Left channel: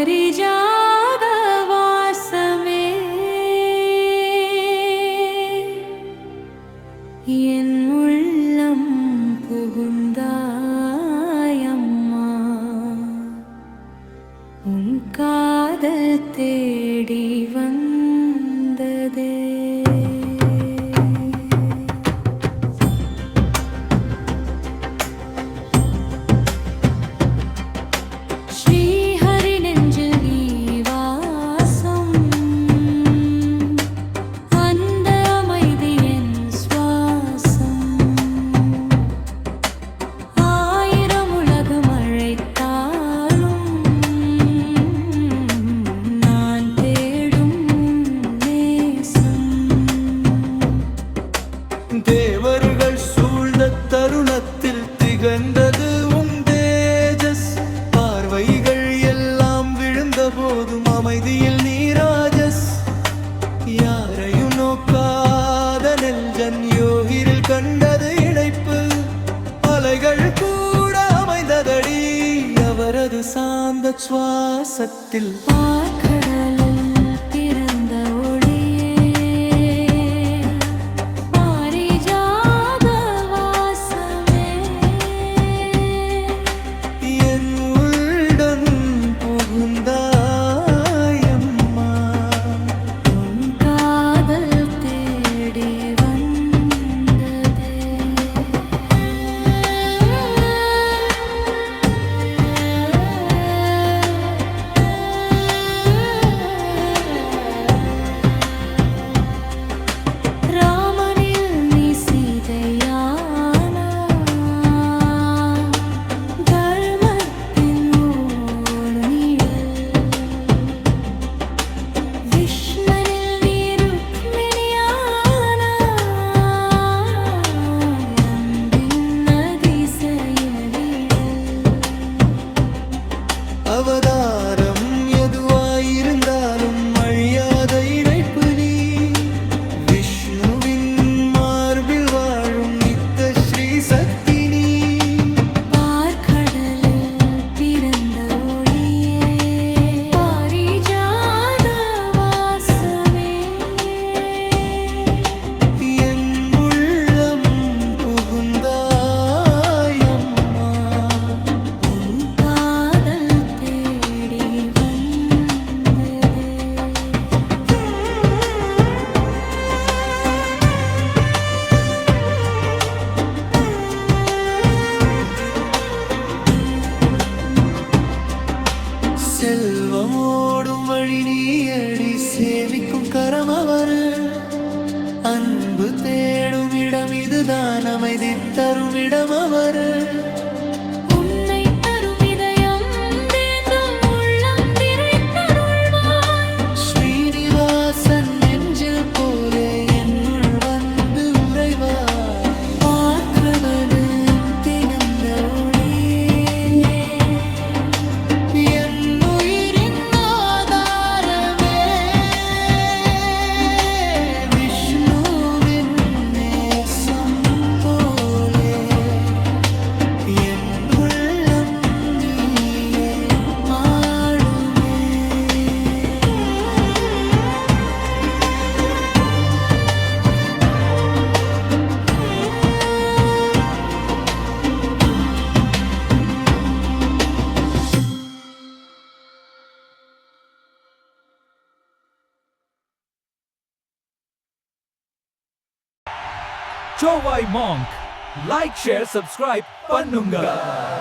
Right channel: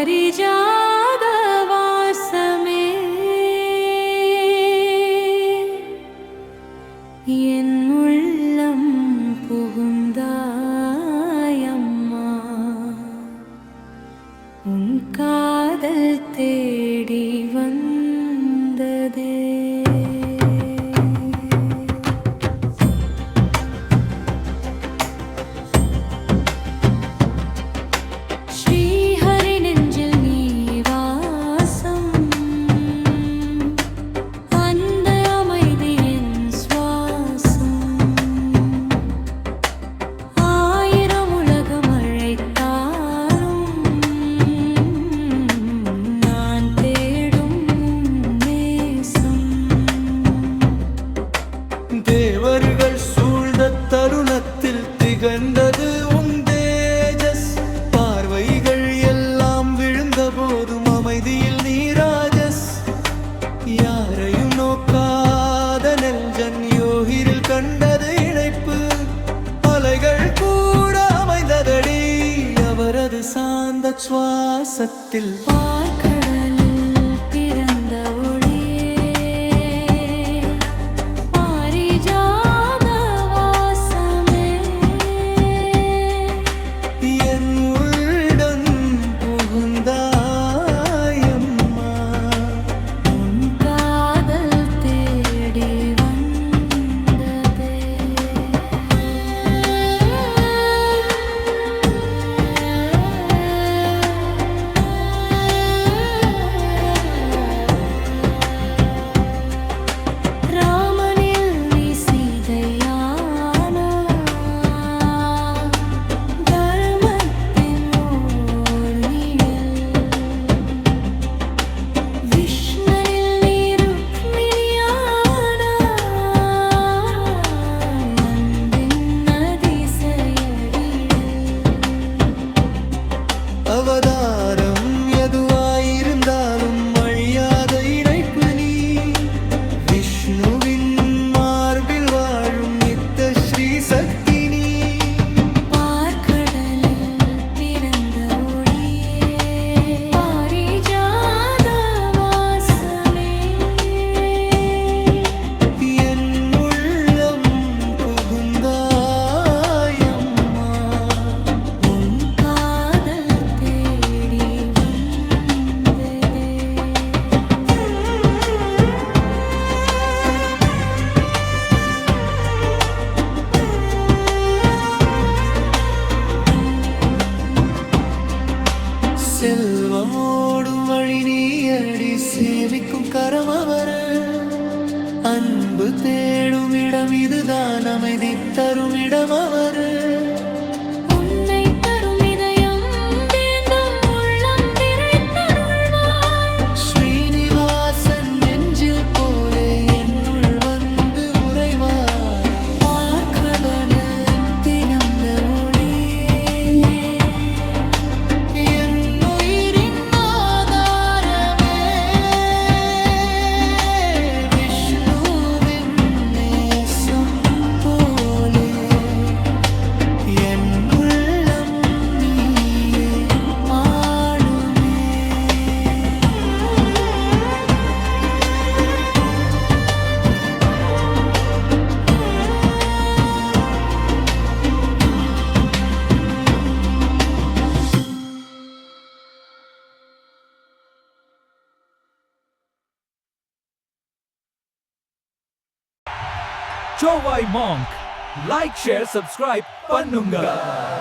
பாரிஜாத வாசமே என் உள்ளம் புகுந்தாயம்மா உன் காதல் தேடி வந்ததே தேவர்கள் சூழ்ந்த தருணத்தில் திகழ்ந்தது உன் தேஜஸ். பார்வைகள் எல்லாம் விழுந்த போதும் அமைதியில் நீராஜஸ். யாரையும் நோக்காத நெல்ஜன் யோகிரில் கண்டது இணைப்பு. அலைகள் கூட அமைந்ததடி அவரது சாந்த சுவாசத்தில். பார்க்கடலில் பிறந்த ஒளி அவதாரம் எதுவாயிருந்தாலும் அழியாத இணைப்பு நீ. விஷ்ணுவின் மார்பில் வாழும் நித்த ஸ்ரீ சக்தி நீ. பார்க்கடலில் பிறந்த ஒளியே பாரிஜாத வாசமே என் உள்ளம் புகுந்தா செல்வமோடும் வழி நீயடி சேமிக்கும் கரம் அவரு. அன்பு தேடும் இடம் இதுதான் அமைதி தரும் இடம் அவரு. உன்னை தரும் இதயம் வேண்டும் உள்ளம் நிறைத்தருள்வாய். ஸ்ரீனிவாசன் நெஞ்சில் போலே என்னுள் வந்து உறைவாய். பார்க்கடலில் திறந்த ஒளியே என் Chovai Monk. Like, share, subscribe, Pannunga.